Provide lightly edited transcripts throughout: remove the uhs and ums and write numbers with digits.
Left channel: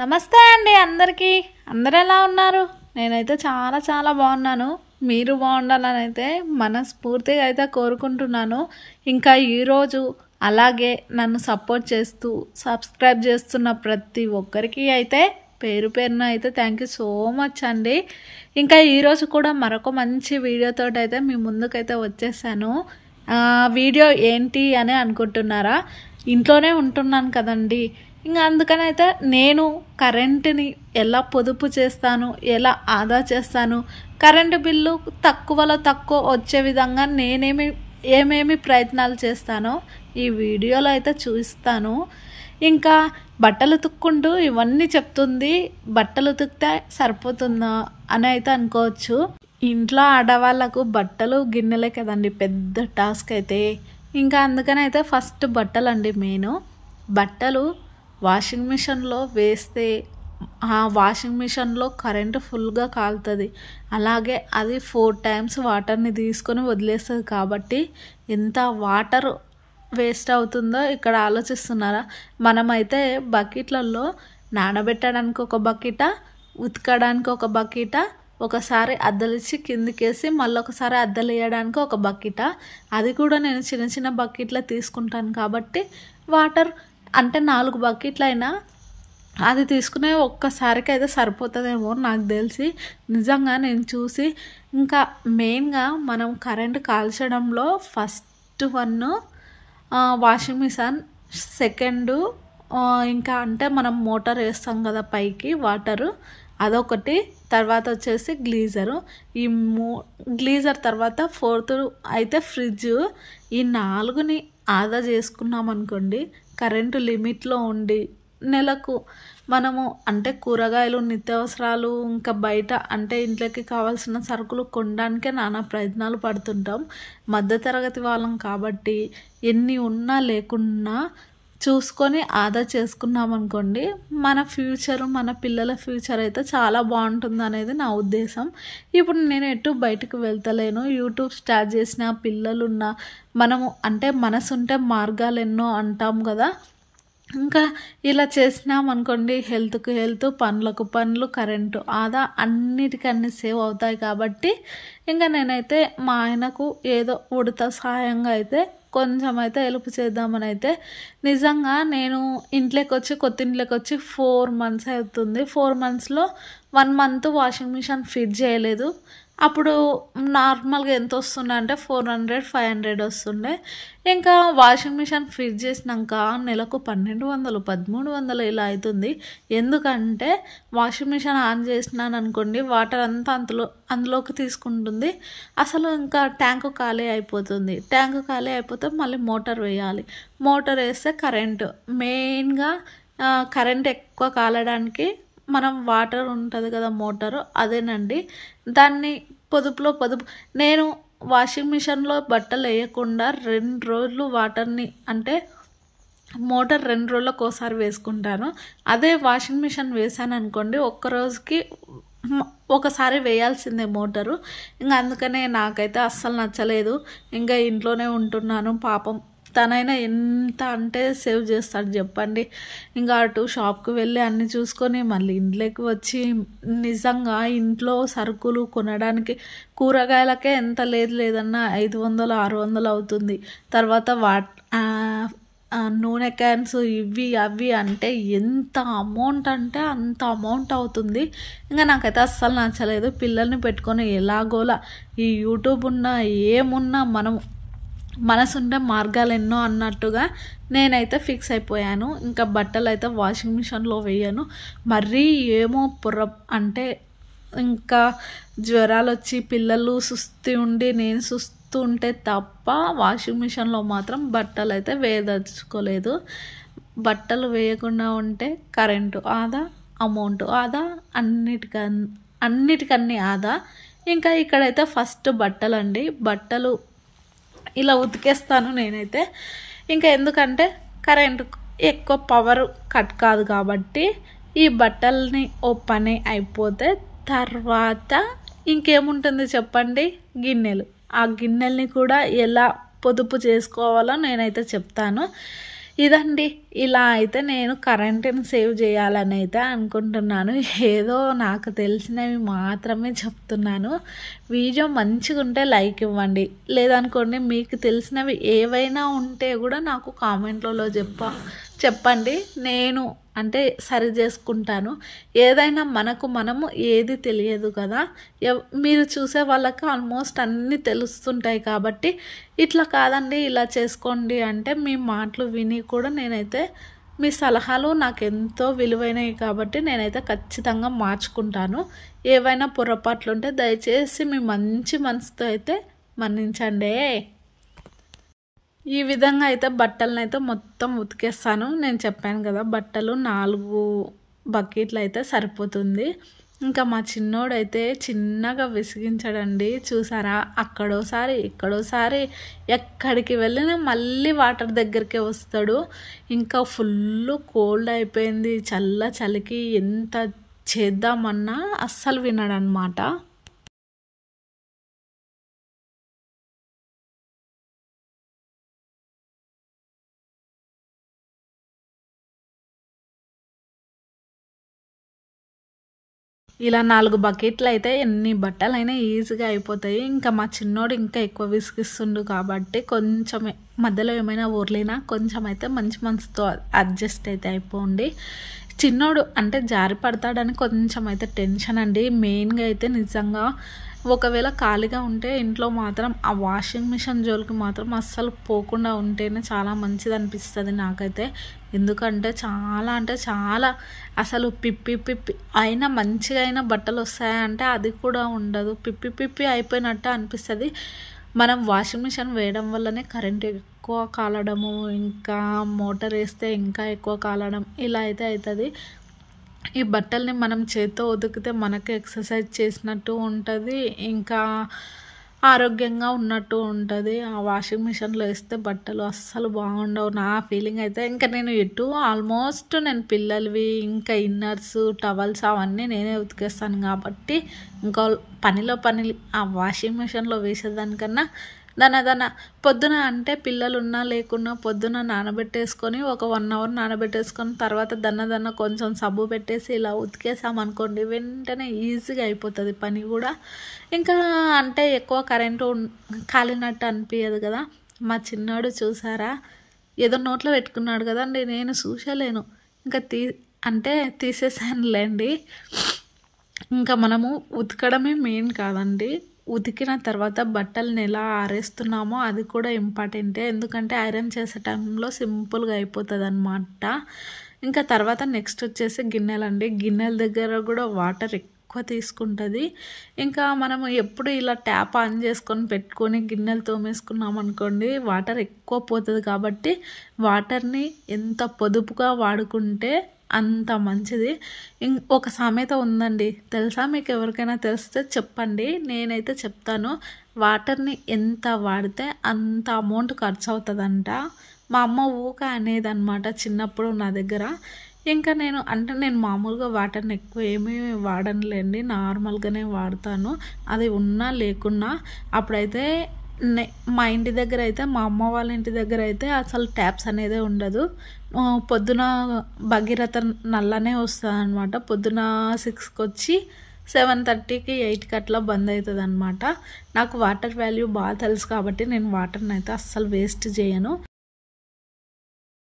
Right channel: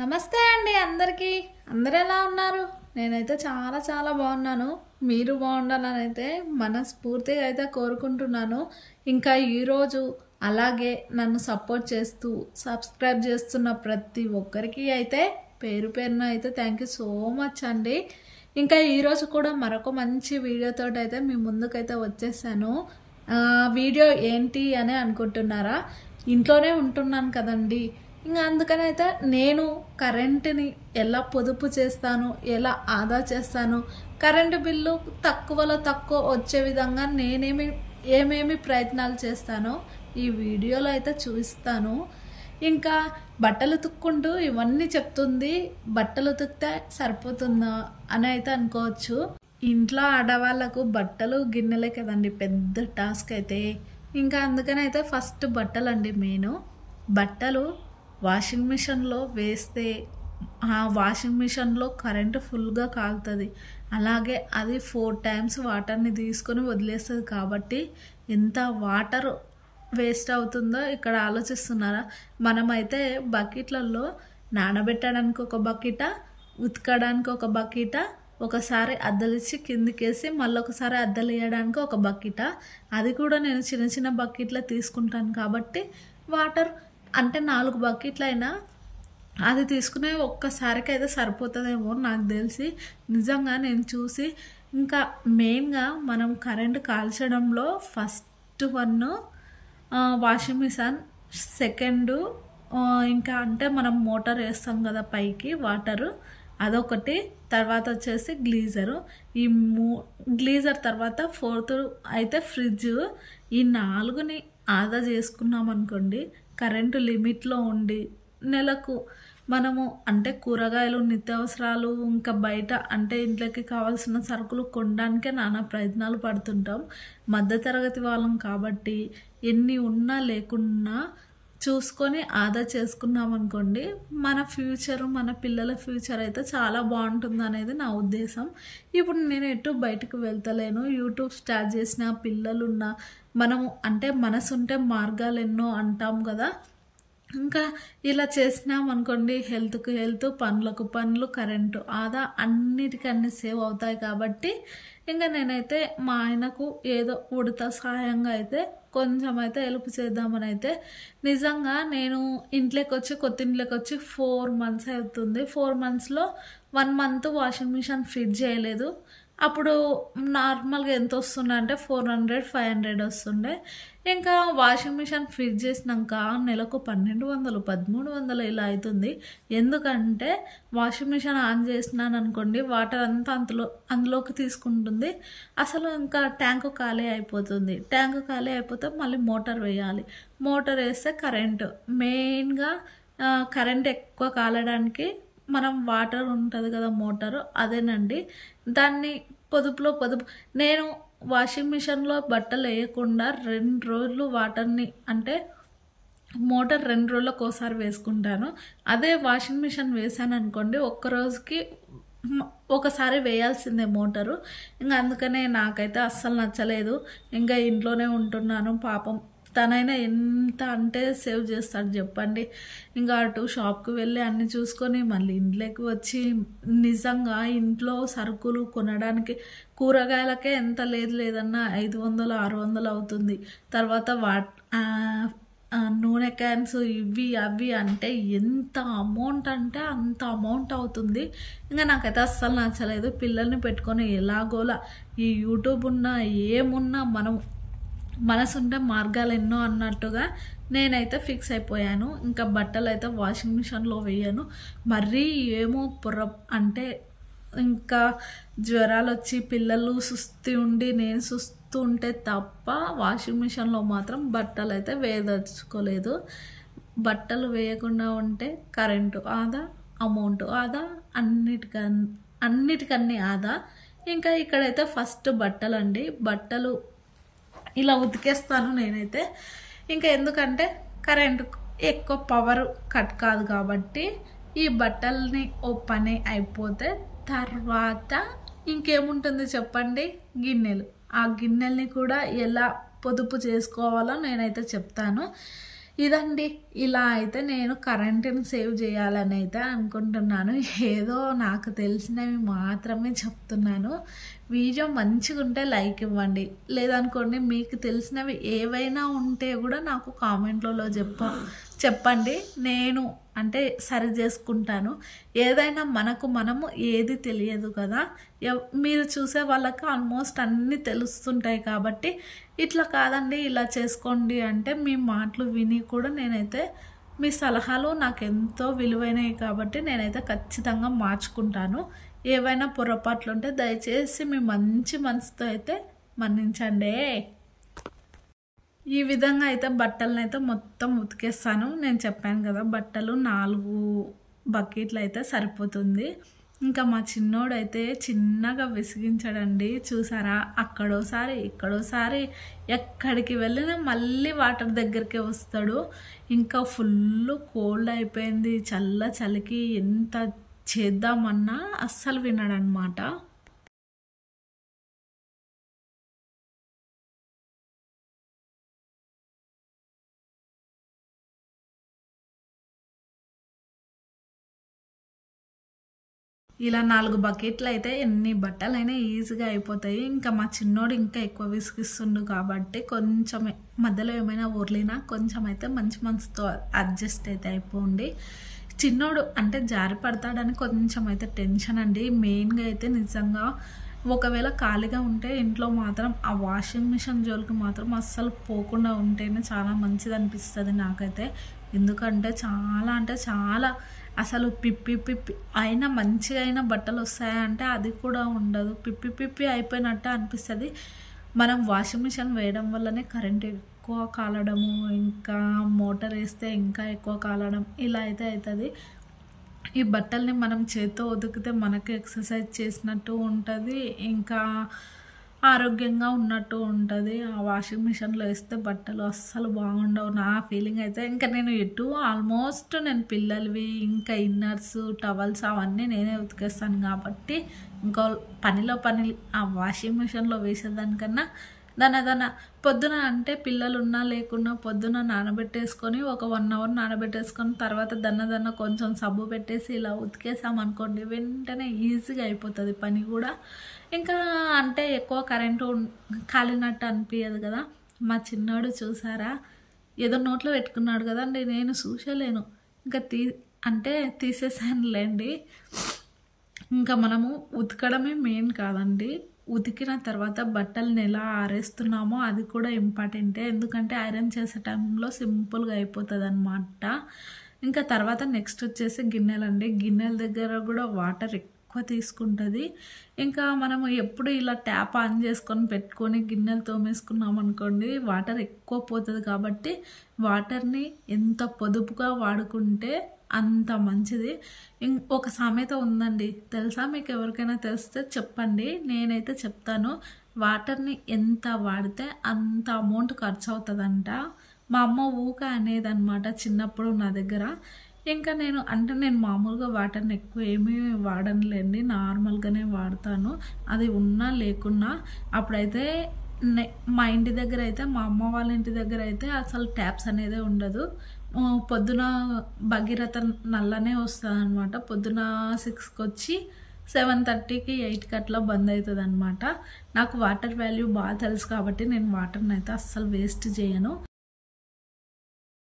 నమస్తే అండి అందరికీ. అందరూ ఎలా ఉన్నారు? నేనైతే చాలా బాగున్నాను. మీరు బాగుండాలని అయితే మనస్ఫూర్తిగా అయితే కోరుకుంటున్నాను. ఇంకా ఈరోజు అలాగే నన్ను సపోర్ట్ చేస్తూ సబ్స్క్రైబ్ చేస్తున్న ప్రతి ఒక్కరికి అయితే పేరున అయితే థ్యాంక్ యూ సో మచ్ అండి. ఇంకా ఈరోజు కూడా మరొక మంచి వీడియోతో అయితే మీ ముందుకైతే వచ్చేసాను. వీడియో ఏంటి అని అనుకుంటున్నారా? ఇంట్లోనే ఉంటున్నాను కదండి, ఇంకా అందుకనైతే నేను కరెంటుని ఎలా పొదుపు చేస్తాను, ఎలా ఆదా చేస్తాను, కరెంటు బిల్లు తక్కువలో తక్కువ వచ్చే విధంగా ఏమేమి ప్రయత్నాలు చేస్తానో ఈ వీడియోలో అయితే చూపిస్తాను. ఇంకా బట్టలు ఉతుక్కుంటూ ఇవన్నీ చెప్తుంది. బట్టలు ఉతికితే సరిపోతుందా అని అయితే అనుకోవచ్చు. ఇంట్లో ఆడవాళ్ళకు బట్టలు గిన్నెలే కదండి పెద్ద టాస్క్ అయితే. ఇంకా అందుకనైతే ఫస్ట్ బట్టలు అండి మెయిన్. బట్టలు వాషింగ్ మిషన్లో వేస్తే ఆ వాషింగ్ మిషన్లో కరెంటు ఫుల్గా కాలుతుంది. అలాగే అది 4 times వాటర్ని తీసుకొని వదిలేస్తుంది. కాబట్టి ఎంత వాటర్ వేస్ట్ అవుతుందో ఇక్కడ ఆలోచిస్తున్నారా? మనమైతే బకెట్లలో నానబెట్టడానికి ఒక బకెట, ఉతకడానికి ఒక బకెట, ఒకసారి అద్దలిచ్చి కిందికేసి మళ్ళీ ఒకసారి అద్దలు వేయడానికి ఒక బకెట. అది కూడా నేను చిన్న బకెట్లో తీసుకుంటాను కాబట్టి వాటర్ అంటే 4 బకెట్లు అయినా అది తీసుకునే ఒక్కసారికి అయితే సరిపోతుందేమో నాకు తెలిసి. నిజంగా నేను చూసి ఇంకా మెయిన్గా మనం కరెంటు కాల్చడంలో ఫస్ట్ 1 వాషింగ్ మిషన్, సెకండ్ ఇంకా అంటే మనం మోటార్ వేస్తాం కదా పైకి వాటరు, అదొకటి. తర్వాత వచ్చేసి గ్లీజరు. ఈ గ్లీజర్ తర్వాత 4th అయితే ఫ్రిడ్జ్. ఈ 4ని ఆదా చేసుకున్నాం అనుకోండి, కరెంటు లిమిట్లో ఉండి నెలకు మనము అంటే కూరగాయలు, నిత్యావసరాలు, ఇంకా బయట అంటే ఇంట్లోకి కావాల్సిన సరుకులు కొనడానికే నానా ప్రయత్నాలు పడుతుంటాం. మధ్యతరగతి వాళ్ళం కాబట్టి ఎన్ని ఉన్నా లేకున్నా చూసుకొని ఆదా చేసుకున్నాం అనుకోండి, మన ఫ్యూచర్, మన పిల్లల ఫ్యూచర్ అయితే చాలా బాగుంటుంది అనేది నా ఉద్దేశం. ఇప్పుడు నేను ఎటు బయటకు వెళ్తలేను. యూట్యూబ్ స్టార్ట్ చేసిన పిల్లలున్న మనము అంటే మనసుంటే మార్గాలు ఎన్నో అంటాం కదా. ఇంకా ఇలా చేసినాం అనుకోండి, హెల్త్కి హెల్త్, పనులకు పనులు, కరెంటు ఆదా అన్నిటికన్నీ సేవ్ అవుతాయి. కాబట్టి ఇంకా నేనైతే మా ఆయనకు ఏదో ఉడత సహాయంగా అయితే కొంచెం అయితే హెల్ప్ చేద్దామని అయితే, నిజంగా నేను కొత్త ఇంట్లోకి వచ్చి 4 months అవుతుంది. 4 monthsలో 1 month వాషింగ్ మిషన్ ఫిట్ చేయలేదు. అప్పుడు నార్మల్గా ఎంత వస్తుండే అంటే 400-500 వస్తుండే. ఇంకా వాషింగ్ మిషన్ ఫిట్ చేసినాక నెలకు 1200-1300 ఇలా అవుతుంది. ఎందుకంటే వాషింగ్ మిషన్ ఆన్ చేసినాను అనుకోండి, వాటర్ అంతా అందులోకి తీసుకుంటుంది. అసలు ఇంకా ట్యాంకు ఖాళీ అయిపోతుంది. ట్యాంకు ఖాళీ అయిపోతే మళ్ళీ మోటార్ వేయాలి. మోటార్ వేస్తే కరెంటు మెయిన్గా కరెంట్ ఎక్కువ కాలడానికి మనం వాటర్ ఉంటుంది కదా మోటారు, అదేనండి. దాన్ని పొదుపు నేను వాషింగ్ మిషన్లో బట్టలు వేయకుండా 2 రోజులు వాటర్ని అంటే మోటార్ 2 రోజులకు ఒకసారి వేసుకుంటాను. అదే వాషింగ్ మిషన్ వేసాను అనుకోండి, ఒక్క రోజుకి ఒకసారి వేయాల్సిందే మోటారు. ఇంకా అందుకనే నాకైతే అస్సలు నచ్చలేదు. ఇంకా ఇంట్లోనే ఉంటున్నాను. పాపం తనైనా ఎంత అంటే సేవ్ చేస్తాడు చెప్పండి. ఇంకా అటు షాప్కి వెళ్ళి అన్నీ చూసుకొని మళ్ళీ ఇంట్లోకి వచ్చి నిజంగా ఇంట్లో సరుకులు కొనడానికి కూరగాయలకే ఎంత లేదన్నా 500-600 అవుతుంది. తర్వాత నూనె క్యాన్స్ ఇవి అవి అంటే ఎంత అమౌంట్ అంటే అంత అమౌంట్ అవుతుంది. ఇంకా నాకైతే అస్సలు నచ్చలేదు. పిల్లల్ని పెట్టుకొని ఎలాగోలా ఈ యూట్యూబ్ ఉన్నా ఏమున్నా మనం మనసుంటే మార్గాలు ఎన్నో అన్నట్టుగా నేనైతే ఫిక్స్ అయిపోయాను. ఇంకా బట్టలు అయితే వాషింగ్ మిషన్లో వేయను. మరీ ఏమో అంటే ఇంకా జ్వరాలు వచ్చి పిల్లలు సుస్థి ఉండి నేను సుస్తూ ఉంటే తప్ప వాషింగ్ మిషన్లో మాత్రం బట్టలు అయితే వేయదలుచుకోలేదు. బట్టలు వేయకుండా ఉంటే కరెంటు ఆదా, అమౌంట్ ఆదా, అన్నిటికన్నీ ఆదా. ఇంకా ఇక్కడైతే ఫస్ట్ బట్టలు అండి. బట్టలు ఇలా ఉతికేస్తాను నేనైతే. ఇంకా ఎందుకంటే కరెంటు ఎక్కువ పవర్ కట్ కాదు కాబట్టి ఈ బట్టల్ని ఓ పని అయిపోతే తర్వాత ఇంకేముంటుంది చెప్పండి, గిన్నెలు. ఆ గిన్నెల్ని కూడా ఎలా పొదుపు చేసుకోవాలో నేనైతే చెప్తాను. ఇదండి. ఇలా అయితే నేను కరెంట్‌ని సేవ్ చేయాలని అయితే అనుకుంటున్నాను. ఏదో నాకు తెలిసినవి మాత్రమే చెప్తున్నాను. వీడియో మంచిగుంటే లైక్ ఇవ్వండి. లేదనుకోండి మీకు తెలిసినవి ఏవైనా ఉంటే కూడా నాకు కామెంట్‌లలో చెప్పండి. నేను అంటే సరి చేసుకుంటాను. ఏదైనా మనము ఏది తెలియదు కదా. మీరు చూసే వాళ్ళకి ఆల్మోస్ట్ అన్నీ తెలుస్తుంటాయి కాబట్టి ఇట్లా కాదండి ఇలా చేసుకోండి అంటే మీ మాటలు విని కూడా నేనైతే మీ సలహాలు నాకు ఎంతో విలువైనవి కాబట్టి నేనైతే ఖచ్చితంగా మార్చుకుంటాను. ఏవైనా పొరపాట్లు ఉంటే దయచేసి మీ మంచి మనసుతో అయితే మన్నించండి. ఈ విధంగా అయితే బట్టలను అయితే మొత్తం ఉతికేస్తాను. నేను చెప్పాను కదా బట్టలు 4 బకెట్లు అయితే సరిపోతుంది. ఇంకా మా చిన్నోడైతే చిన్నగా విసిగించాడండి. చూసారా, అక్కడోసారి ఇక్కడోసారి ఎక్కడికి వెళ్ళినా మళ్ళీ వాటర్ దగ్గరికే వస్తాడు. ఇంకా ఫుల్ కోల్డ్ అయిపోయింది. చలికి ఎంత చేద్దామన్నా అస్సలు వినడనమాట. ఇలా 4 బకెట్లు అయితే ఎన్ని బట్టలైనా ఈజీగా అయిపోతాయి. ఇంకా మా చిన్నోడు ఇంకా ఎక్కువ విసిగిస్తుండు కాబట్టి కొంచెమే మధ్యలో ఏమైనా ఊర్లినా కొంచెం అయితే మంచి మనసుతో అడ్జస్ట్ అయితే అయిపోండి. చిన్నోడు అంటే జారి పడతాడని కొంచెం అయితే టెన్షన్ అండి. మెయిన్గా అయితే నిజంగా ఒకవేళ ఖాళీగా ఉంటే ఇంట్లో మాత్రం ఆ వాషింగ్ మిషన్ జోలికి మాత్రం అస్సలు పోకుండా ఉంటేనే చాలా మంచిది అనిపిస్తుంది నాకైతే. ఎందుకంటే చాలా అసలు పిప్పి అయినా మంచిగా అయినా బట్టలు వస్తాయంటే అది కూడా ఉండదు. పిప్పి అయిపోయినట్టు అనిపిస్తుంది. మనం వాషింగ్ మిషన్ వేయడం వల్లనే కరెంట్ ఎక్కువ కాలడము, ఇంకా మోటార్ వేస్తే ఇంకా ఎక్కువ కాలడం ఇలా అయితే అవుతుంది. ఈ బట్టల్ని మనం చేత్తో ఉతికితే మనకు ఎక్సర్సైజ్ చేసినట్టు ఉంటుంది, ఇంకా ఆరోగ్యంగా ఉన్నట్టు ఉంటుంది. ఆ వాషింగ్ మిషన్లో వేస్తే బట్టలు అస్సలు బాగుండవు నా ఫీలింగ్ అయితే. ఇంకా నేను ఆల్మోస్ట్ నేను పిల్లలవి ఇంకా ఇన్నర్స్ టవల్స్ అవన్నీ నేనే ఉతికేస్తాను కాబట్టి ఇంకా పని ఆ వాషింగ్ మిషన్లో వేసేదానికన్నా దాన పొద్దున అంటే పిల్లలు ఉన్నా లేకున్నా పొద్దున నానబెట్టేసుకొని ఒక 1 అవర్ నానబెట్టేసుకొని తర్వాత దన్న కొంచెం సబ్బు పెట్టేసి ఇలా ఉతికేసామనుకోండి వెంటనే ఈజీగా అయిపోతుంది పని కూడా. ఇంకా అంటే ఎక్కువ కరెంటు కాలినట్టు అనిపించదు కదా. మా చిన్నాడు చూసారా ఏదో నోట్లో పెట్టుకున్నాడు కదండి, నేను చూసలేను ఇంకా తీసేసానులేండి. ఇంకా మనము ఉతకడమే మెయిన్ కాదండి, ఉతికిన తర్వాత బట్టలను ఎలా ఆరేస్తున్నామో అది కూడా ఇంపార్టెంటే. ఎందుకంటే ఐరన్ చేసే టైంలో సింపుల్గా అయిపోతుంది అన్నమాట. ఇంకా తర్వాత నెక్స్ట్ వచ్చేసి గిన్నెలండి. గిన్నెల దగ్గర కూడా వాటర్ ఎక్కువ తీసుకుంటుంది. ఇంకా మనము ఎప్పుడు ఇలా ట్యాప్ ఆన్ చేసుకొని పెట్టుకొని గిన్నెలు తోమేసుకున్నాం అనుకోండి వాటర్ ఎక్కువ పోతుంది. కాబట్టి వాటర్ని ఎంత పొదుపుగా వాడుకుంటే అంత మంచిది. ఒక సామెత ఉందండి, తెలుసా మీకు? ఎవరికైనా తెలిస్తే చెప్పండి, నేనైతే చెప్తాను. వాటర్ని ఎంత వాడితే అంత అమౌంట్ ఖర్చు అవుతుందంట. మా అమ్మ ఊక అనేదన్నమాట చిన్నప్పుడు నా దగ్గర. ఇంకా నేను మామూలుగా వాటర్ని ఎక్కువ ఏమీ వాడనులేండి, నార్మల్గానే వాడతాను. అది ఉన్నా లేకున్నా. అప్పుడైతే మా ఇంటి దగ్గర అయితే, మా అమ్మ వాళ్ళ ఇంటి దగ్గర అయితే అసలు ట్యాప్స్ అనేదే ఉండదు. పొద్దున భగీరథ నల్లనే వస్తుంది అనమాట. పొద్దున 6కి వచ్చి 7:30కి 8కి అట్లా బంద్ అవుతుంది అనమాట. నాకు వాటర్ వాల్యూ బాగా తెలుసు కాబట్టి నేను వాటర్ని అయితే అస్సలు వేస్ట్ చేయను.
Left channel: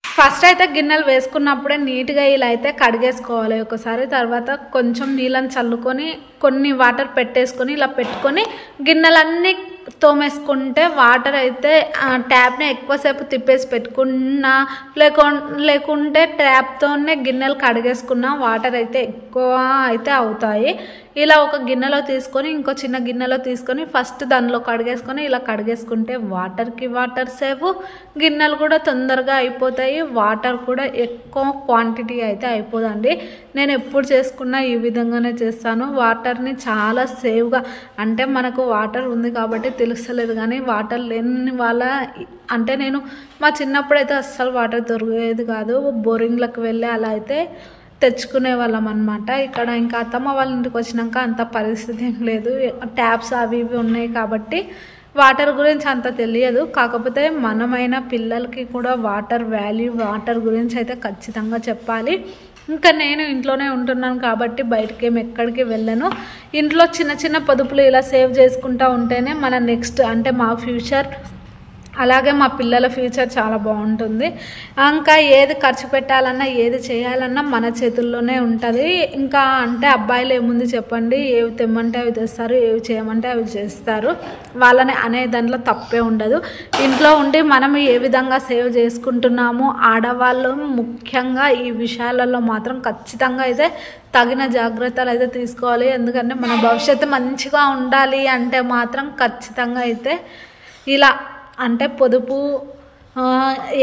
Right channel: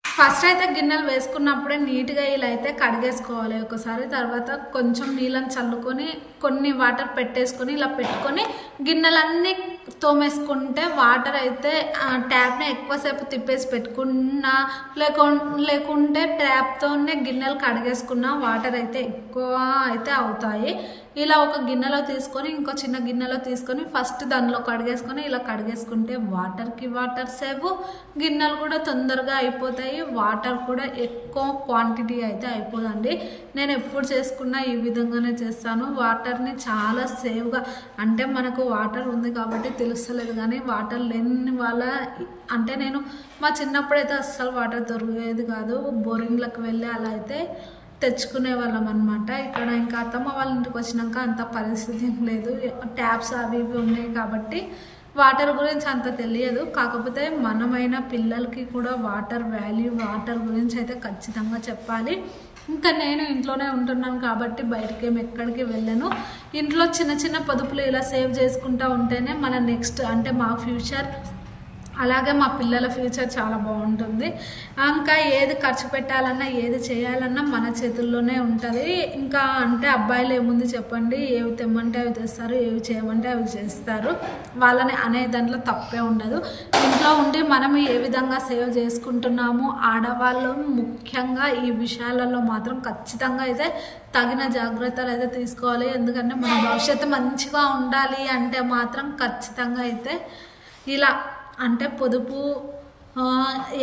ఫస్ట్ అయితే గిన్నెలు వేసుకున్నప్పుడే నీట్గా ఇలా అయితే కడిగేసుకోవాలి ఒకసారి. తర్వాత కొంచెం నీళ్ళని చల్లుకొని కొన్ని వాటర్ పెట్టేసుకొని ఇలా పెట్టుకొని గిన్నెలన్నీ తోమేసుకుంటే వాటర్ అయితే ట్యాప్ని ఎక్కువసేపు తిప్పేసి పెట్టుకున్నా లేకుంటే ట్యాప్తోనే గిన్నెలు కడిగేసుకున్న వాటర్ అయితే ఎక్కువ అయితే అవుతాయి. ఇలా ఒక గిన్నెలో తీసుకొని ఇంకో చిన్న గిన్నెలో తీసుకొని ఫస్ట్ దానిలో కడిగేసుకొని ఇలా కడిగేసుకుంటే వాటర్ సేవ్, గిన్నెలు కూడా తొందరగా అయిపోతాయి, వాటర్ కూడా ఎక్కువ క్వాంటిటీ అయితే అయిపోదండి. నేను ఎప్పుడు చేసుకున్నా ఈ విధంగానే చేస్తాను. వాటర్ని చాలా సేవ్గా, అంటే మనకు వాటర్ ఉంది కాబట్టి తెలుస్తలేదు కానీ వాటర్ లేని వాళ్ళ అంటే నేను మా చిన్నప్పుడు అయితే అస్సలు వాటర్ దొరికేది కాదు. బోరింగ్లకు వెళ్ళి అలా అయితే తెచ్చుకునే వాళ్ళం అనమాట. ఇక్కడ ఇంకా అత్తమ్మ వాళ్ళ ఇంటికి వచ్చినాక అంత పరిస్థితి ఏం లేదు, ట్యాప్స్ అవి ఇవి ఉన్నాయి కాబట్టి వాటర్ గురించి అంత తెలియదు, కాకపోతే మనమైన పిల్లలకి కూడా వాటర్ వాల్యూ, వాటర్ గురించి అయితే ఖచ్చితంగా చెప్పాలి. ఇంకా నేను ఇంట్లోనే ఉంటున్నాను కాబట్టి బయటకి ఎక్కడికి వెళ్ళను. ఇంట్లో చిన్న చిన్న పొదుపులు ఇలా సేవ్ చేసుకుంటూ ఉంటేనే మన నెక్స్ట్ అంటే మా ఫ్యూచర్, అలాగే మా పిల్లల ఫ్యూచర్ చాలా బాగుంటుంది. ఇంకా ఏది ఖర్చు పెట్టాలన్నా ఏది చేయాలన్నా మన చేతుల్లోనే ఉంటుంది. ఇంకా అంటే అబ్బాయిలు ఏముంది చెప్పండి, ఏవి తెమ్మంటే అవి తెస్తారు, ఏవి చేయమంటే అవి చేస్తారు. వాళ్ళని అనే దాంట్లో తప్పే ఉండదు. ఇంట్లో ఉండి మనం ఏ విధంగా సేవ్ చేసుకుంటున్నామో ఆడవాళ్ళు ముఖ్యంగా ఈ విషయాలలో మాత్రం ఖచ్చితంగా అయితే తగిన జాగ్రత్తలు అయితే తీసుకోవాలి. ఎందుకంటే మన భవిష్యత్తు మంచిగా ఉండాలి అంటే మాత్రం ఖచ్చితంగా అయితే ఇలా అంటే పొదుపు,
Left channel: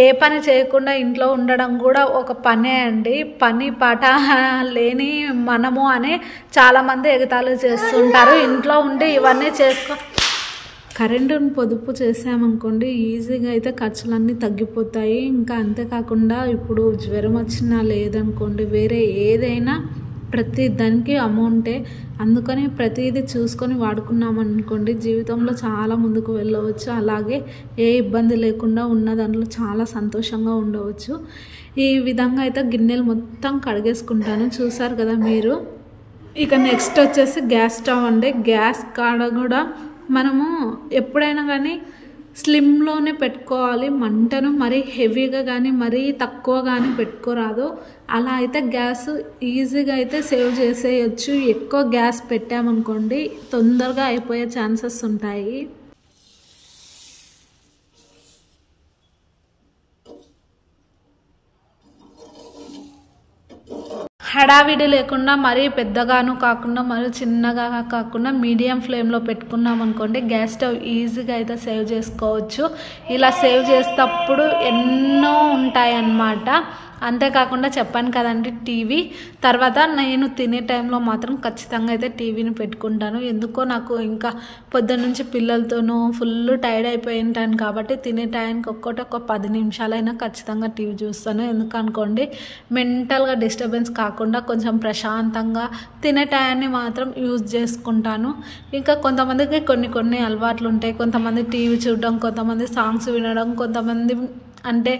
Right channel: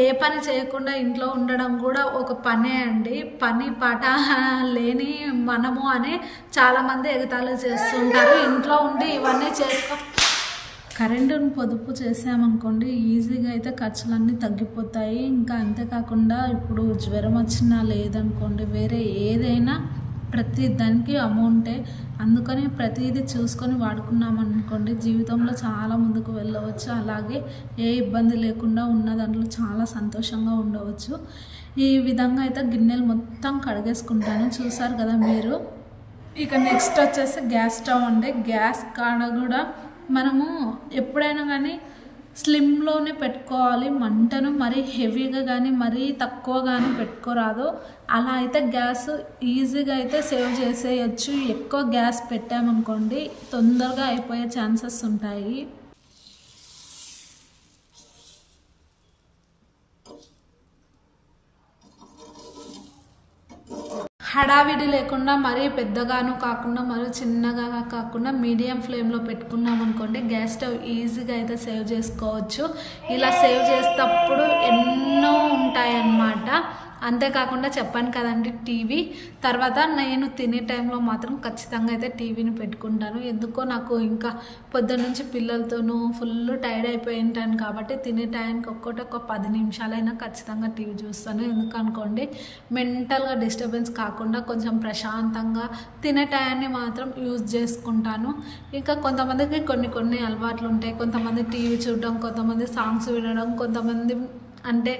ఏ పని చేయకుండా ఇంట్లో ఉండడం కూడా ఒక పనే అండి. పని పాట లేని మనము అని చాలామంది ఎగతాళి చేస్తుంటారు. ఇంట్లో ఉండి ఇవన్నీ కరెంటుని పొదుపు చేసామనుకోండి ఈజీగా అయితే ఖర్చులన్నీ తగ్గిపోతాయి. ఇంకా అంతేకాకుండా ఇప్పుడు జ్వరం వచ్చినా లేదనుకోండి, వేరే ఏదైనా ప్రతి దానికి అమౌంటే. అందుకని ప్రతిదీ చూసుకొని వాడుకున్నామనుకోండి జీవితంలో చాలా ముందుకు వెళ్ళవచ్చు. అలాగే ఏ ఇబ్బంది లేకుండా ఉన్న దాంట్లో చాలా సంతోషంగా ఉండవచ్చు. ఈ విధంగా అయితే గిన్నెలు మొత్తం కడిగేసుకుంటాను, చూసారు కదా మీరు. ఇక నెక్స్ట్ వచ్చేసి గ్యాస్ స్టవ్ అండి. గ్యాస్ కాడ కూడా మనము ఎప్పుడైనా కానీ స్లిమ్లోనే పెట్టుకోవాలి మంటను. మరీ హెవీగా కానీ మరీ తక్కువ కానీ పెట్టుకోరాదు. అలా అయితే గ్యాస్ ఈజీగా అయితే సేవ్ చేసేయచ్చు. ఎక్కువ గ్యాస్ పెట్టామనుకోండి తొందరగా అయిపోయే ఛాన్సెస్ ఉంటాయి. హడావిడి లేకుండా మరీ పెద్దగాను కాకుండా మరీ చిన్నగా కాకుండా మీడియం ఫ్లేమ్లో పెట్టుకున్నాం అనుకోండి గ్యాస్ స్టవ్ ఈజీగా అయితే సేవ్ చేసుకోవచ్చు. ఇలా సేవ్ చేసేటప్పుడు ఎన్నో ఉంటాయన్నమాట. అంతేకాకుండా చెప్పాను కదండి టీవీ, తర్వాత నేను తినే టైంలో మాత్రం ఖచ్చితంగా అయితే టీవీని పెట్టుకుంటాను. ఎందుకో నాకు ఇంకా పొద్దున్న నుంచి పిల్లలతోనూ ఫుల్ టైర్డ్ అయిపోయి ఉంటాను కాబట్టి తినే టైంకి ఒక 10 నిమిషాలైనా ఖచ్చితంగా టీవీ చూస్తాను. ఎందుకనుకోండి మెంటల్గా డిస్టర్బెన్స్ కాకుండా కొంచెం ప్రశాంతంగా తినే టైంని మాత్రం యూజ్ చేసుకుంటాను. ఇంకా కొంతమందికి కొన్ని అలవాట్లు ఉంటాయి. కొంతమంది టీవీ చూడడం, కొంతమంది సాంగ్స్ వినడం, కొంతమంది అంటే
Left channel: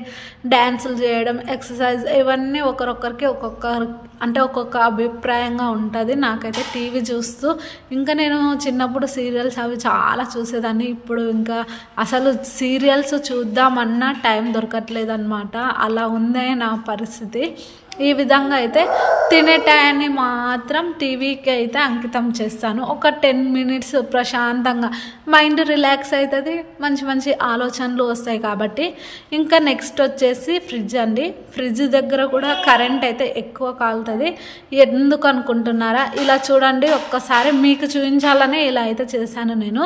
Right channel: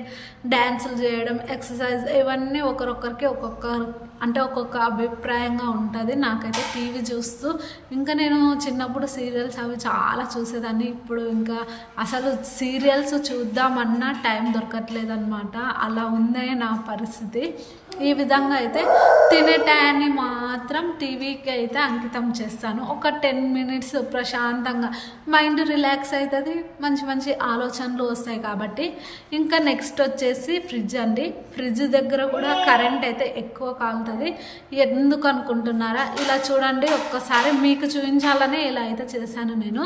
డ్యాన్సులు చేయడం, ఎక్సర్సైజ్, ఇవన్నీ ఒకరొకరికి ఒక్కొక్క అభిప్రాయంగా ఉంటుంది. నాకైతే టీవీ చూస్తూ ఇంకా నేను చిన్నప్పుడు సీరియల్స్ అవి చాలా చూసేదాన్ని. ఇప్పుడు ఇంకా అసలు సీరియల్స్ చూద్దామన్నా టైం దొరకట్లేదు అనమాట. అలా ఉందే నా పరిస్థితి. ఈ విధంగా అయితే తినే టైంని మాత్రం టీవీకి అయితే అంకితం చేస్తాను. ఒక 10 మినిట్స్ ప్రశాంతంగా మైండ్ రిలాక్స్ అవుతుంది, మంచి ఆలోచనలు వస్తాయి కాబట్టి. ఇంకా నెక్స్ట్ వచ్చేసి ఫ్రిడ్జ్ అండి. ఫ్రిడ్జ్ దగ్గర కూడా కరెంట్ అయితే ఎక్కువ కాలుతుంది. ఎందుకు అనుకుంటున్నారా? ఇలా చూడండి, ఒక్కసారి మీకు చూపించాలని ఇలా అయితే చేశాను నేను.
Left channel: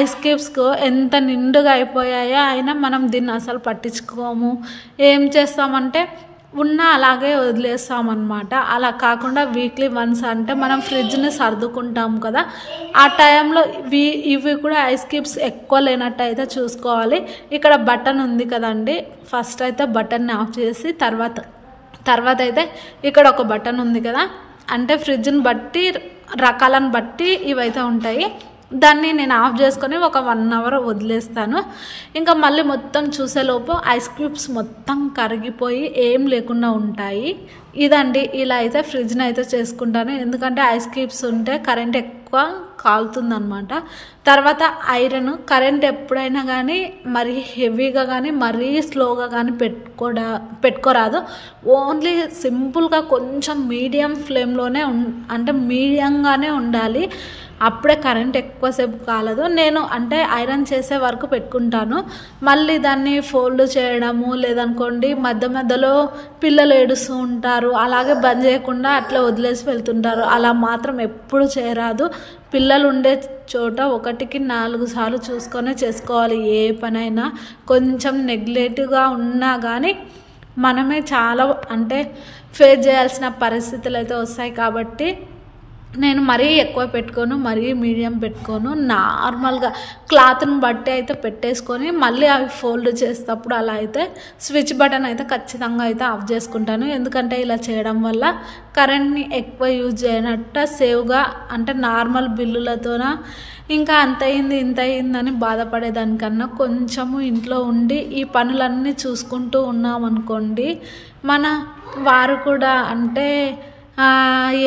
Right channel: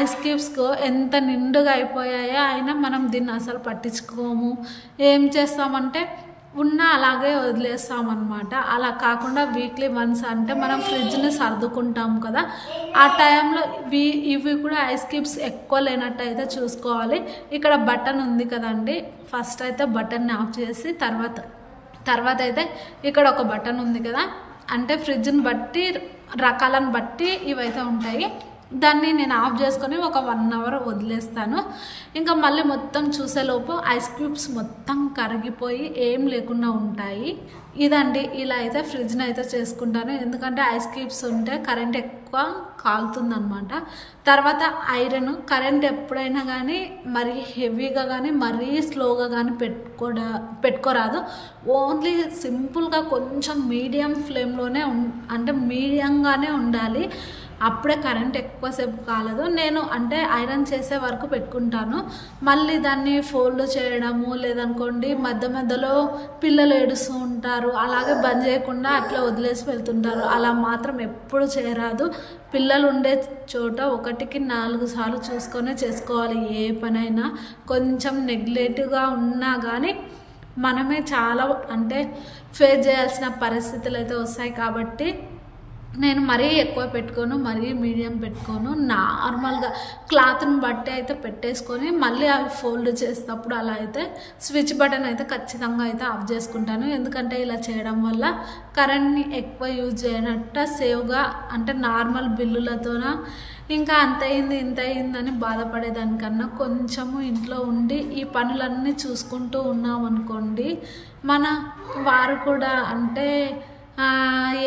ఐస్ క్యూబ్స్ ఎంత నిండుగా అయిపోయాయో అయినా మనం దీన్ని అసలు పట్టించుకోము. ఏం చేస్తామంటే అలాగే వదిలేస్తామన్నమాట. అలా కాకుండా వీక్లీ వన్స్ అంటే మనం ఫ్రిడ్జ్ని సర్దుకుంటాం కదా, ఆ టైంలో ఇవి కూడా ఐస్ క్యూబ్స్ ఎక్కువ లేనట్టు అయితే చూసుకోవాలి. ఇక్కడ బటన్ ఉంది కదండి, ఫస్ట్ అయితే బటన్ని ఆఫ్ చేసి తర్వాత అయితే ఇక్కడ ఒక బటన్ ఉంది కదా, అంటే ఫ్రిడ్జ్ని బట్టి రకాలను బట్టి ఇవైతే ఉంటాయి. దాన్ని నేను ఆఫ్ చేసుకొని ఒక 1 అవర్ వదిలేస్తాను. ఇంకా మళ్ళీ మొత్తం చూసేలోపు ఐస్ క్యూబ్స్ మొత్తం కరిగిపోయి ఏం లేకుండా ఉంటాయి. ఇదండి, ఇలా అయితే ఫ్రిడ్జ్ని అయితే చేసుకుంటాను. ఎందుకంటే ఐస్ క్యూబ్స్ ఉంటే కరెంట్ ఎక్కువ కాలుతుందనమాట. తర్వాత ఐరన్, కరెంట్ ఎప్పుడైనా కానీ మరీ హెవీగా కానీ మరీ స్లోగా కానీ పెట్టుకోరాదు. ఓన్లీ సింపుల్గా కొంచెం మీడియం ఫ్లేమ్లోనే అంటే మీడియంగానే ఉండాలి. అప్పుడే కరెంట్ ఎక్కువసేపు కాలదు. నేను అంటే ఐరన్ చేసే వరకు పెట్టుకుంటాను. మళ్ళీ దాన్ని ఫోల్డ్ చేయడము లేదనుకోండి మధ్యలో పిల్లలు ఏడుస్తూ ఉంటారు, అలాగే బంద్ చేయకుండా అట్లా వదిలేసి వెళ్తుంటారు. అలా మాత్రం ఎప్పుడు చేయరాదు. పిల్లలు ఉండే చోట 1కి 4 సార్లు చూసుకొనే చేసుకోవాలి. ఏ పనైనా కొంచెం నెగ్లెక్ట్గా ఉన్నా కానీ మనమే చాలా అంటే ఫేస్ చేయాల్సిన పరిస్థితులు అయితే వస్తాయి. కాబట్టి నేను మరీ ఎక్కువ పెట్టుకోను, మరీ మీడియం పెట్టుకోను. నార్మల్గా క్లాత్ని బట్టి అయితే పెట్టేసుకొని మళ్ళీ అవి ఫోల్డ్ చేసేటప్పుడు అలా అయితే స్విచ్ బటన్ అయితే ఖచ్చితంగా అయితే ఆఫ్ చేసుకుంటాను. ఎందుకంటే ఇలా చేయడం వల్ల కరెంట్ని ఎక్కువ యూజ్ చేయనట్ట సేవ్గా అంటే నార్మల్ బిల్లులతోన ఇంకా అంత అయింది ఇంత అయిందని బాధపడేదానికన్నా కొంచెము ఇంట్లో ఉండి ఈ పనులన్నీ చూసుకుంటూ ఉన్నామనుకోండి, మన వారు కూడా అంటే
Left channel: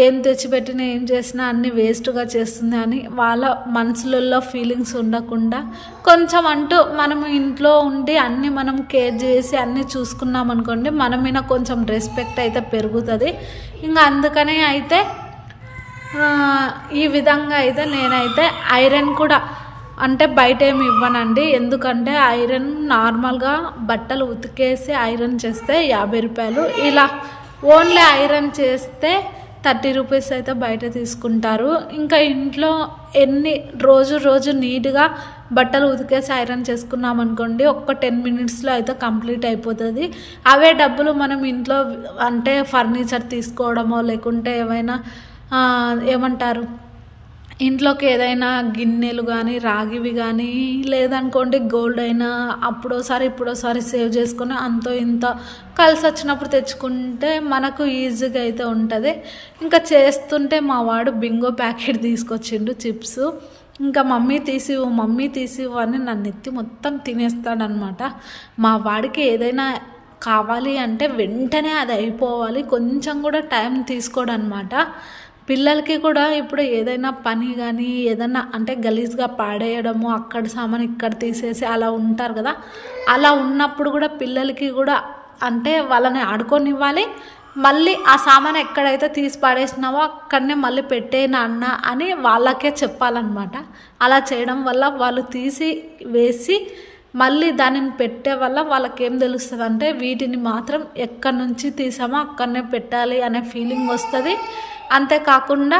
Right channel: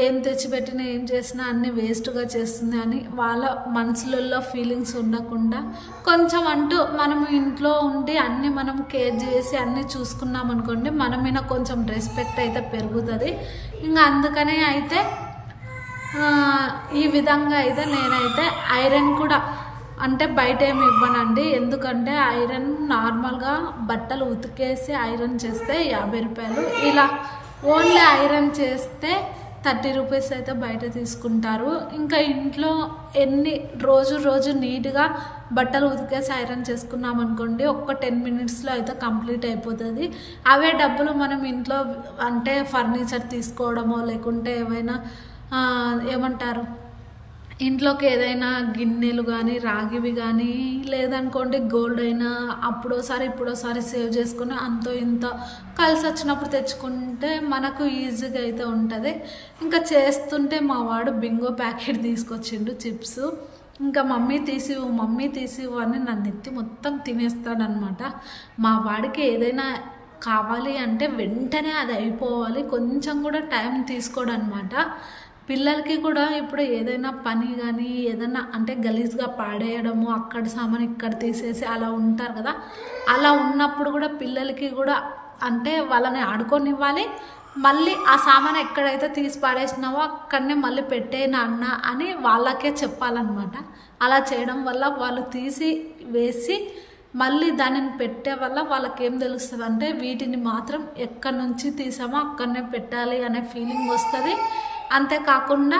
ఏం తెచ్చిపెట్టినా ఏం చేసినా అన్నీ వేస్ట్గా చేస్తుంది అని వాళ్ళ మనసులలో ఫీలింగ్స్ ఉండకుండా కొంచెం అంటూ మనం ఇంట్లో ఉండి అన్నీ మనం కేర్ చేసి అన్నీ చూసుకున్నాం అనుకోండి, మన మీద కొంచెం రెస్పెక్ట్ అయితే పెరుగుతుంది. ఇంకా అందుకనే అయితే ఈ విధంగా అయితే నేనైతే ఐరన్ కూడా అంటే బయట ఏమి ఇవ్వనండి. ఎందుకంటే ఐరన్ నార్మల్గా బట్టలు ఉతికేసి ఐరన్ చేస్తే 50 రూపాయలు, ఇలా ఓన్లీ ఐరన్ చేస్తే 30 రూపీస్ అయితే బయట తీసుకుంటారు. ఇంకా ఇంట్లో రోజు నీట్గా బట్టలు ఉతికేసి ఐరన్ చేసుకున్నాం అనుకోండి, ఒక్క 10 మినిట్స్లో అయితే కంప్లీట్ అయిపోతుంది. అవే డబ్బులు మనం ఇంట్లో అంటే ఫర్నిచర్ తీసుకోవడమో లేకుంటే ఏమైనా ఏమంటారు ఇంట్లోకి ఏదైనా గిన్నెలు కానీ రాగివి కానీ లేదనుకోండి గోల్డ్ అయినా అప్పుడోసారి ఇప్పుడోసారి సేవ్ చేసుకొని అంతో ఇంత కలిసి వచ్చినప్పుడు తెచ్చుకుంటే మనకు ఈజీగా అయితే ఉంటుంది. ఇంకా చేస్తుంటే మా వాడు బింగో ప్యాకెట్ తీసుకొచ్చిండు చిప్స్. ఇంకా మమ్మీ తీసివు అని నన్ను ఎత్తి మొత్తం తినేస్తాడనమాట. మా వాడికి ఏదైనా కావాలి అంటే వెంటనే అది అయిపోవాలి, కొంచెం కూడా టైం తీసుకోడు అనమాట. పిల్లలకి కూడా ఇప్పుడు ఏదైనా పని కానీ ఏదైనా అంటే గలీజ్గా పాడేయడము, అక్కడ సామాన్ ఇక్కడ తీసేసి అలా ఉంటారు కదా, అలా ఉన్నప్పుడు కూడా పిల్లలకి కూడా అంటే వాళ్ళని ఆడుకొనివ్వాలి, మళ్ళీ ఆ సామాన్ ఎక్కడైతే తీసి పాడేసినావో అక్కడనే మళ్ళీ పెట్టే నాన్న అని వాళ్ళకే చెప్పాలన్నమాట. అలా చేయడం వల్ల వాళ్ళు తీసి వేసి మళ్ళీ దానిని పెట్టే వల్ల వాళ్ళకి ఏం తెలుస్తుంది అంటే వీటిని మాత్రం ఎక్కడి నుంచి తీసామో అక్కడనే పెట్టాలి అనే ఫీలింగ్ వస్తుంది. అంతేకాకుండా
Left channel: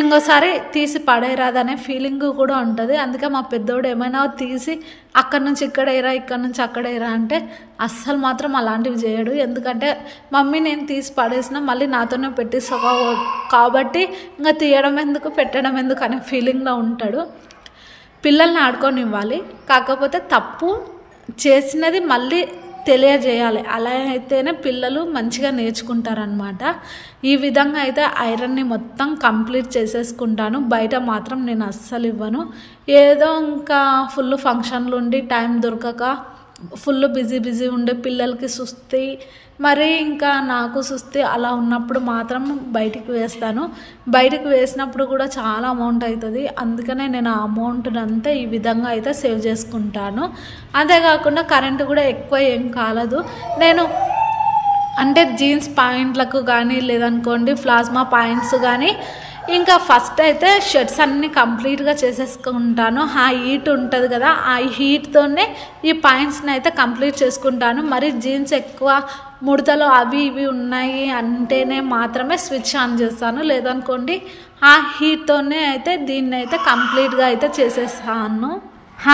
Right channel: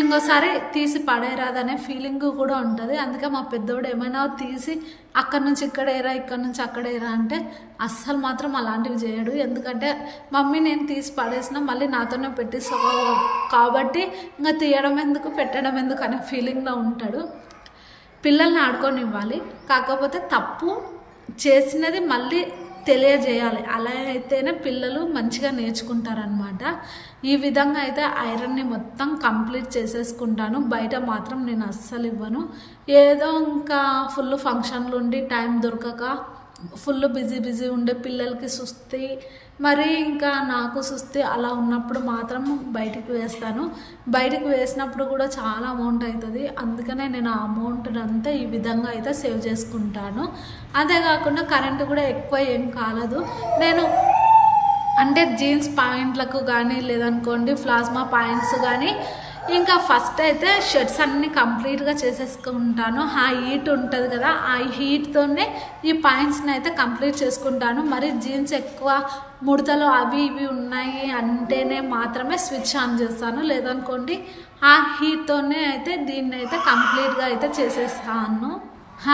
ఇంకోసారి తీసి పడేరాదనే ఫీలింగ్ కూడా ఉంటుంది. అందుకే మా పెద్దోడు ఏమైనా తీసి అక్కడి నుంచి ఇక్కడ ఏరా ఇక్కడ నుంచి అక్కడ ఏరా అంటే అస్సలు మాత్రం అలాంటివి చేయడు. ఎందుకంటే మమ్మీ నేను తీసి పడేసినా మళ్ళీ నాతోనే పెట్టిస్తా కాబట్టి ఇంకా తీయడం ఎందుకు పెట్టడం ఎందుకు అనే ఫీలింగ్లో ఉంటాడు. పిల్లల్ని ఆడుకొనివ్వాలి, కాకపోతే తప్పు చేసినది మళ్ళీ తెలియజేయాలి. అలా అయితేనే పిల్లలు మంచిగా నేర్చుకుంటారనమాట. ఈ విధంగా అయితే ఐరన్ని మొత్తం కంప్లీట్ చేసేసుకుంటాను. బయట మాత్రం నేను అస్సలు ఇవ్వను. ఏదో ఇంకా ఫుల్ ఫంక్షన్లు ఉండి టైం దొరకక ఫుల్ బిజీ ఉండే పిల్లలకి సుస్తి మరి ఇంకా నాకు సుస్తి అలా ఉన్నప్పుడు మాత్రం బయటికి వేస్తాను. బయటికి వేసినప్పుడు కూడా చాలా అమౌంట్ అవుతుంది. అందుకనే నేను ఆ అమౌంట్ని అంతా ఈ విధంగా అయితే సేవ్ చేసుకుంటాను. అంతేకాకుండా కరెంటు కూడా ఎక్కువ ఏం కాలదు. నేను అంటే జీన్స్ పాయింట్లకు కానీ లేదనుకోండి ప్లాస్మా పాయింట్స్ కానీ ఇంకా ఫస్ట్ అయితే షర్ట్స్ అన్నీ కంప్లీట్గా చేసేసుకుంటాను. ఆ హీట్ ఉంటుంది కదా, ఆ హీట్తోనే ఈ పాయింట్స్ని అయితే కంప్లీట్ చేసుకుంటాను. మరి జీన్స్ ఎక్కువ ముడతలు అవి ఇవి ఉన్నాయి అంటేనే మాత్రమే స్విచ్ ఆన్ చేస్తాను. లేదనుకోండి ఆ హీట్తోనే అయితే దీన్ని అయితే కంప్లీట్గా అయితే చేసేస్తాను.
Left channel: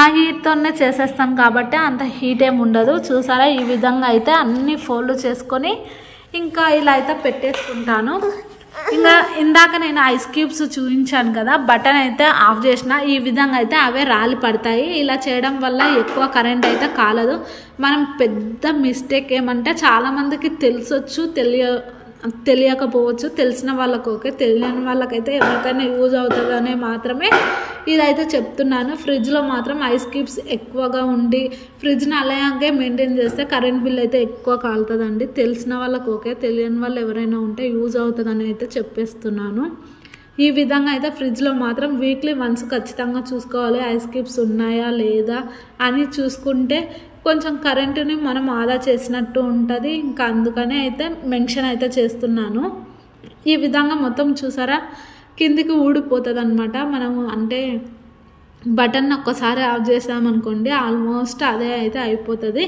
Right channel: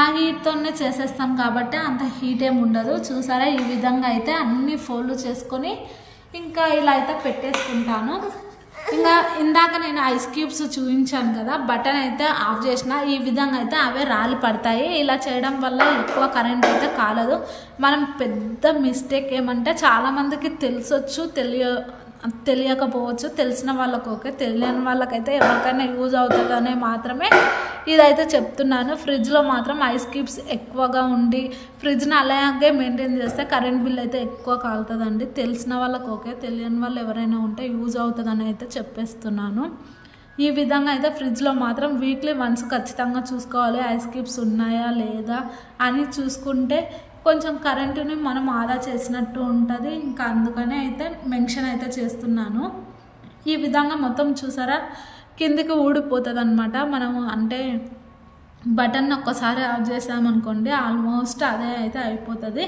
ఆ హీట్తోనే చేసేస్తాను కాబట్టి అంత హీట్ ఏమి ఉండదు. చూసారా ఈ విధంగా అయితే అన్ని ఫోల్డ్ చేసుకొని ఇంకా ఇలా అయితే పెట్టేసుకుంటాను. ఇంకా ఇందాక నేను ఐస్ క్యూబ్స్ చూపించాను కదా, బటన్ అయితే ఆఫ్ చేసిన ఈ విధంగా అయితే అవే రాలి పడతాయి. ఇలా చేయడం వల్ల ఎక్కువ కరెంట్ అయితే కాలదు. మనం పెద్ద మిస్టేక్ ఏమంటే చాలామందికి తెలిసొచ్చు తెలియకపోవచ్చు. తెలిసిన వాళ్ళకు ఓకే, తెలియని వాళ్ళకైతే ఎవరికైనా యూజ్ అవుతుందనే మాత్రమే ఇదైతే చెప్తున్నాను. ఫ్రిడ్జ్లో మాత్రం ఐస్ క్యూబ్స్ ఎక్కువగా ఉండి ఫ్రిడ్జ్ని అలాగే మెయింటైన్ చేస్తే కరెంట్ బిల్ అయితే ఎక్కువ కాలుతుందండి. తెలిసిన వాళ్ళకు ఓకే, తెలియని వాళ్ళు ఎవరైనా ఉంటే యూజ్ అవుతుందని అయితే చెప్పేస్తున్నాను. ఈ విధంగా అయితే ఫ్రిడ్జ్లో మాత్రం వీక్లీ వన్స్ ఖచ్చితంగా చూసుకోవాలి ఐస్ క్యూబ్స్ ఉన్నాయా లేదా అని. చూసుకుంటే కొంచెం కరెంటుని మనం ఆదా చేసినట్టు ఉంటుంది. ఇంకా అందుకనే అయితే మెన్షన్ అయితే చేస్తున్నాను. ఈ విధంగా మొత్తం చూసారా కిందికి ఊడిపోతుంది అనమాట. మనము అంటే బటన్ ఒక్కసారి ఆఫ్ చేసామనుకోండి ఆల్మోస్ట్ అదే అయితే అయిపోతుంది.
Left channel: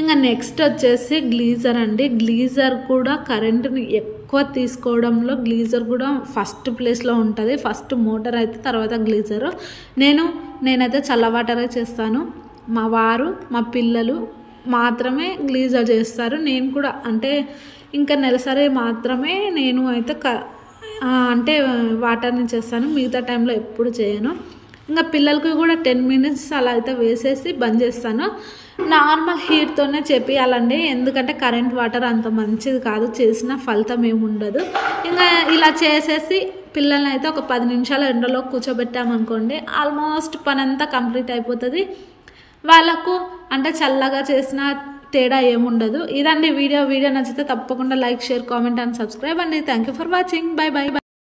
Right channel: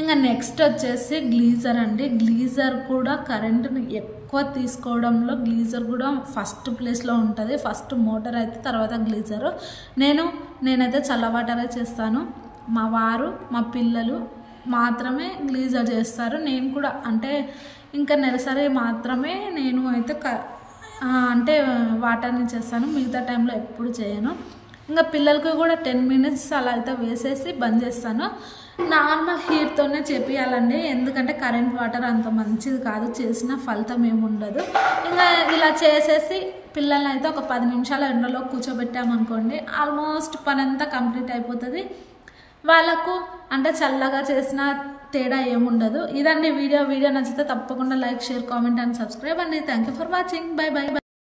ఇంకా నెక్స్ట్ వచ్చేసి గ్లీజర్ అండి. గ్లీజర్ కూడా కరెంటుని ఎక్కువ తీసుకోవడంలో గ్లీజర్ కూడా ఫస్ట్ ప్లేస్లో ఉంటుంది. ఫస్ట్ మోటార్ అయితే తర్వాత గ్లీజరు. నేనైతే చల్ల వాటరే చేస్తాను. మా వారు మా పిల్లలు మాత్రమే గ్లీజర్ చేస్తారు. నేను కూడా అంటే ఇంకా నెలసరి మాత్రమే నేను అయితే అంటే వాటర్ని చేస్తాను. మిగతా టైంలో ఎప్పుడు చేయను. ఇంకా పిల్లలకి కూడా 10 మినిట్స్ అలా అయితే వేసేసి బంద్ చేస్తాను. నార్మల్ హీట్తోనే చేపియాలండి, ఎందుకంటే కరెంట్ వాటర్ అంత మంచిది కాదు, చేసిన ఫలితం ఏముండదు. ఇంకా ఇలా చేసేసి పిల్లల్ని అయితే ఒక 10 నిమిషాలు ఎండలో కూర్చోబెట్టామనుకోండి ఆల్మోస్ట్ పని అంతా కంప్లీట్ అయిపోతుంది. వాళ్ళకు అంటే చల్లగా చేసిన తేడా ఏముండదు. ఇదండి వీడియో నచ్చితే తప్పకుండా like, share, comment and subscribe అండి. Thank you for watching. Bye by.